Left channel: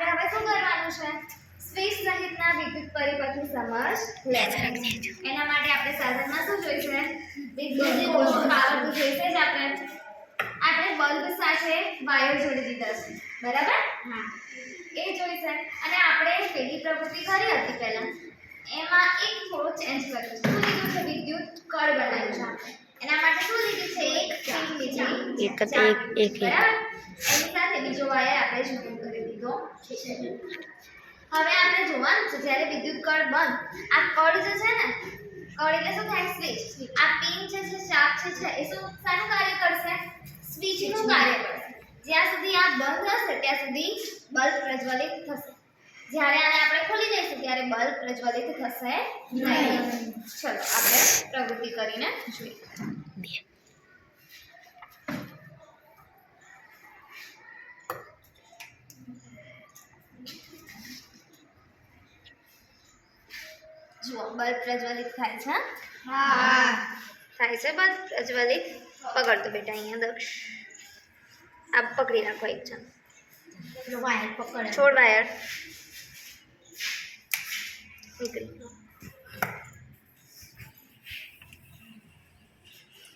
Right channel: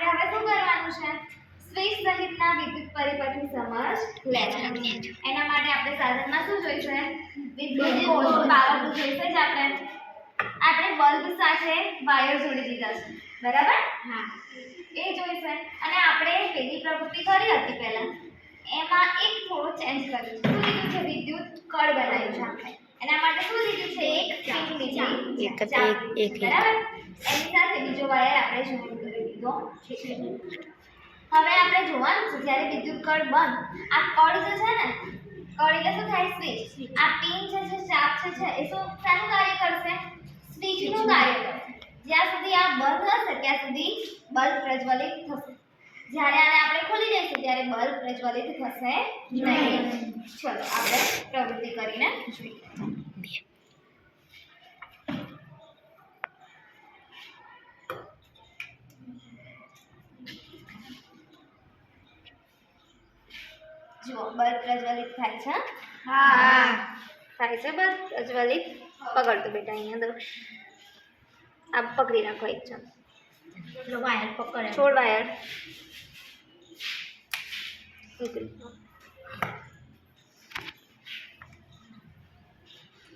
આપણે હવે શું કરવાનું છે? સ્વિચ સહિતના વિદ્યુત પરિપથની સમજ લેવાની. એના માટે આપણે સાધનમાં શું જોઈશે? વિદ્યુત પાવર તો જોઈશે જ. આપણે બલ્બ સાથે વાયર જોડી દીધા છે, બરાબર? હા, એ જોઈશે. અને આપણે પેલી પ્રવૃત્તિ કરી હતી પહેલા, એમાં એક થોડું ચેન્જ કર્યું છે. શું લીધું છે? વિદ્યુત કળ બનાવ્યું છે આપણે. એના માટે શું લીધું છે? એક પિન લીધી, બરાબર? એની સાથે બીજો વાયર આપણે જોઈન કરી દીધો છે. હવે આપણે જોવાનું છે જ્યારે વિદ્યુત કળ બંધ, આ કળ જે છે ને, કળ એટલે શું થાય? સ્વિચ. આ પિન જે છે, ચાપ છે એ શું શાનું કાર્ય કરશે? સ્વિચનું કાર્ય કરશે. જ્યાં સુધી આ બંધ હશે ત્યાં સુધી બલ્બ પ્રજ્વલિત થશે. જ્યારે આને આપણે ખોલી દઈશું ત્યારે બલ્બ પ્રજ્વલિત થશે નહીં. ચલો આપણે પ્રવૃત્તિ કરીને જોઈએ. જુઓ, બલ્બ પ્રજ્વલિત થાય છે. હા, થાય છે બલ્બ પ્રજ્વલિત. પકડતો બેટા, અહીંયા દો. આ પકડી રાખો એક જણ. વાયર પકડ, છોડ વાયર.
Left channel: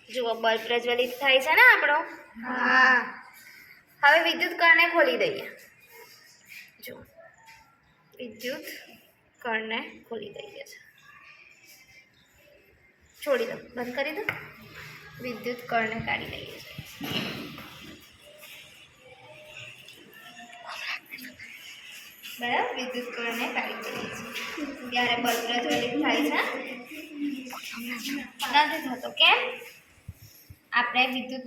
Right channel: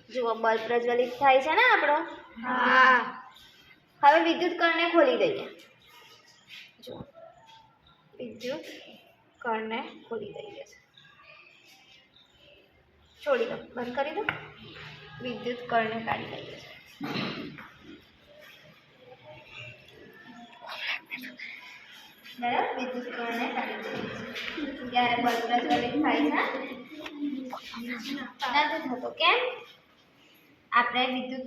જુઓ, બલ્બ પ્રજ્વલિત થાય છે ને આપણો. હા, હવે વિદ્યુત કળને ખોલી દઈએ. જુઓ, વિદ્યુત કળને ખોલી દઈએ છે. છોડી દો, બંધ કરી દો. વિદ્યુત કળને કાઢી દઈએ છે. બરાબર, વિદ્યુત કળને કાઢી દઈએ છે. ત્યારે બલ્બ પ્રજ્વલિત થાય છે? નથી થતો. કેમ? આપણે વિદ્યુત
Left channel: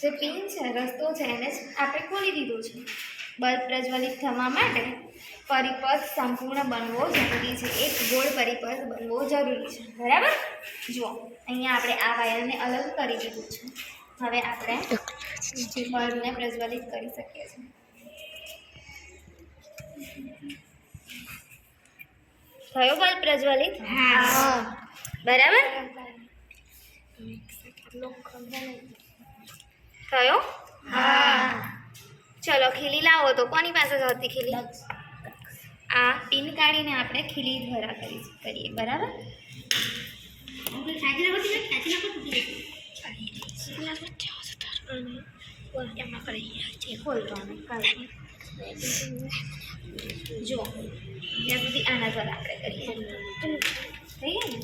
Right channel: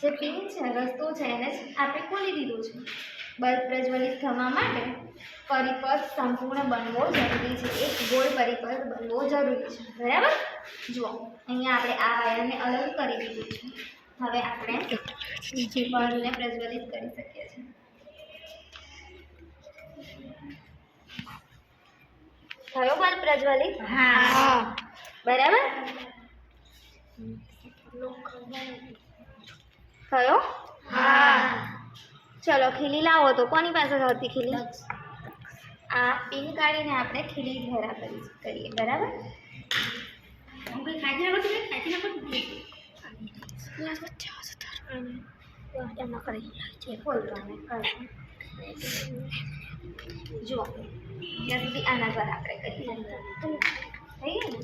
જે પિન છે, રસ્તો છે, એને આપણે ખોલી દીધું છે. બલ્બ પ્રજ્વલિત થવા માટે પરિપથ સંપૂર્ણ બનવો જરૂરી છે. એક ગોળ પરિપથ બનવો જરૂરી છે, બરાબર? જુઓ, અહીંયા આપણે આ વાયરને અલગ કરી દીધું છે. હવે આપણે બલ્બને પ્રજ્વલિત કરી શકીએ છીએ. થયો બલ્બ પ્રજ્વલિત? હા, બરાબર. થયો? હા. ચલો ખીલી લાવો. તો કોની પાસે હતી ખીલી? આ પિન કાઢીને આપણે ખીલી દ્વારા કરીએ, બરાબર? જુઓ, ત્યાં સુધી આના દ્વારા આપણે કરીએ. થઈ ગયું ને?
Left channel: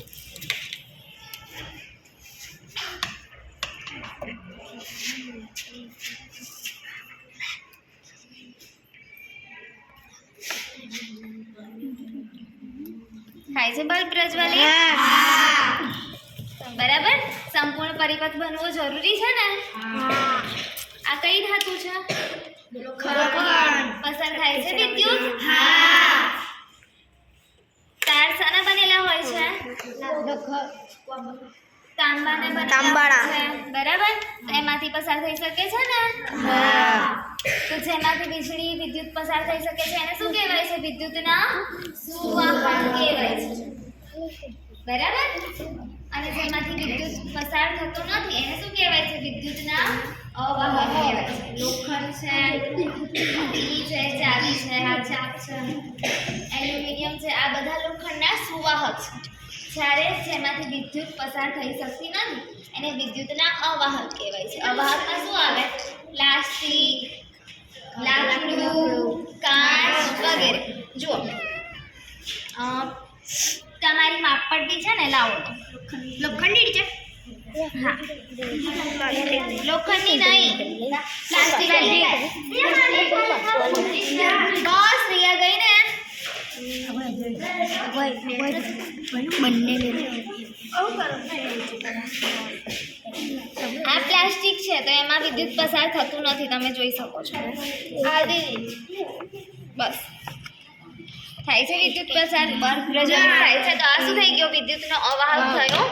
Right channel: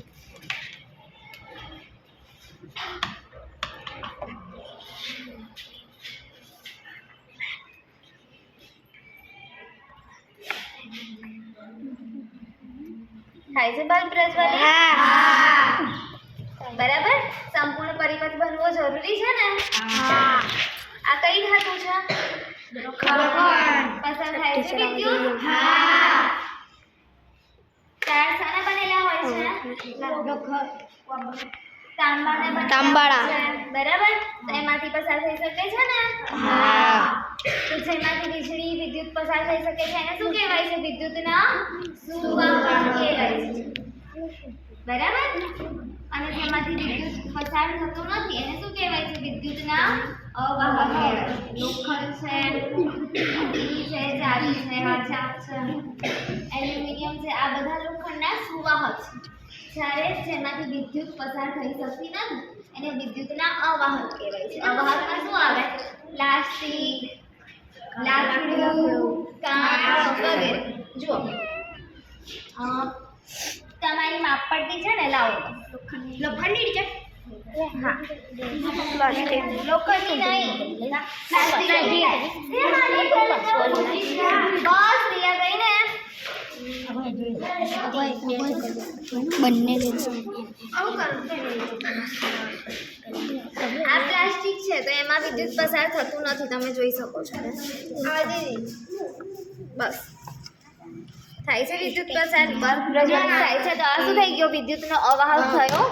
થાય છે બલ્બ પ્રજ્વલિત? બરાબર. સંપૂર્ણ પરિપથ બનવો જરૂરી છે ને? આ કઈ ધાતુ છે? પસાર થાય છે વિદ્યુત. ટાયર શાના બનેલા હોય છે? તાંબાના બનેલા છે, બરાબર? તો એમાંથી પસાર થઈ શકે છે ને? તો જેમાંથી વીજળી વિદ્યુત પસાર થઈ શકે છે એને શું કહેવાય છે? વિદ્યુતના સુવાહક કહેવાય છે, બરાબર? અને જેમાંથી વિદ્યુત પસાર થતો નથી એને શું કહેવાય છે? વિદ્યુતના અવાહક કહેવાય છે. લોખંડ છે, ઈ છે, ચાવી છે, આ ચાપ છે, એલ્યુમિનિયમ છે, આ બધા લોખંડના સુવાહક છે. જ્યારે જેમાંથી વિદ્યુત પસાર થઈ શકતી નથી એને વિદ્યુતના અવાહક કહેવાય છે. અવાહકમાં શું આવે? પ્લાસ્ટિક, લાકડું, કાચ વગેરે. જુઓ, તમારી માપપટ્ટી છે ને, લાવો. લોખંડની છે? હા, લોખંડની નહીં, પ્લાસ્ટિકની. બસ રિયા ગઈ ને. બંને આ પ્લાસ્ટિક છે તો એમાં વિદ્યુત પસાર થતું નથી, તમે જોઈ શકો છો. બસ થાય છે વિદ્યુત પસાર, પ્રજ્વલિત થાય છે. તો આ શું થઈ ગયો? વિદ્યુતનો અવાહક થયો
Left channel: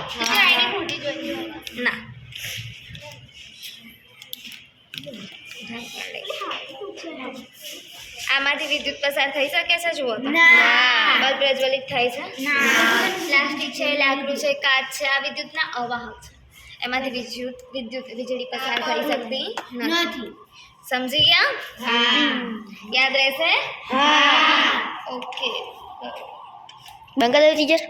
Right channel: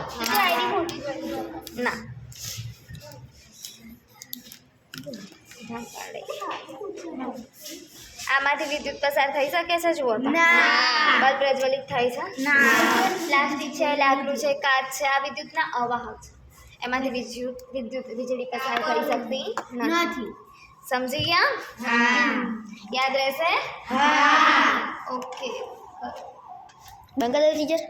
ના. આમાંથી વિદ્યુત પસાર થઈ શકે છે? જુઓ, બલ્બ પ્રજ્વલિત થાય છે? પ્લાસ્ટિક છે, લાકડું છે, કાચ છે, આ વિદ્યુતના અવાહક છે. એમાંથી વીજળી પસાર થઈ શકતી નથી. સમજી ગયા? હા. યાદ રહેશે? હા. ઓકે. બંધ કરી દો ટીચર.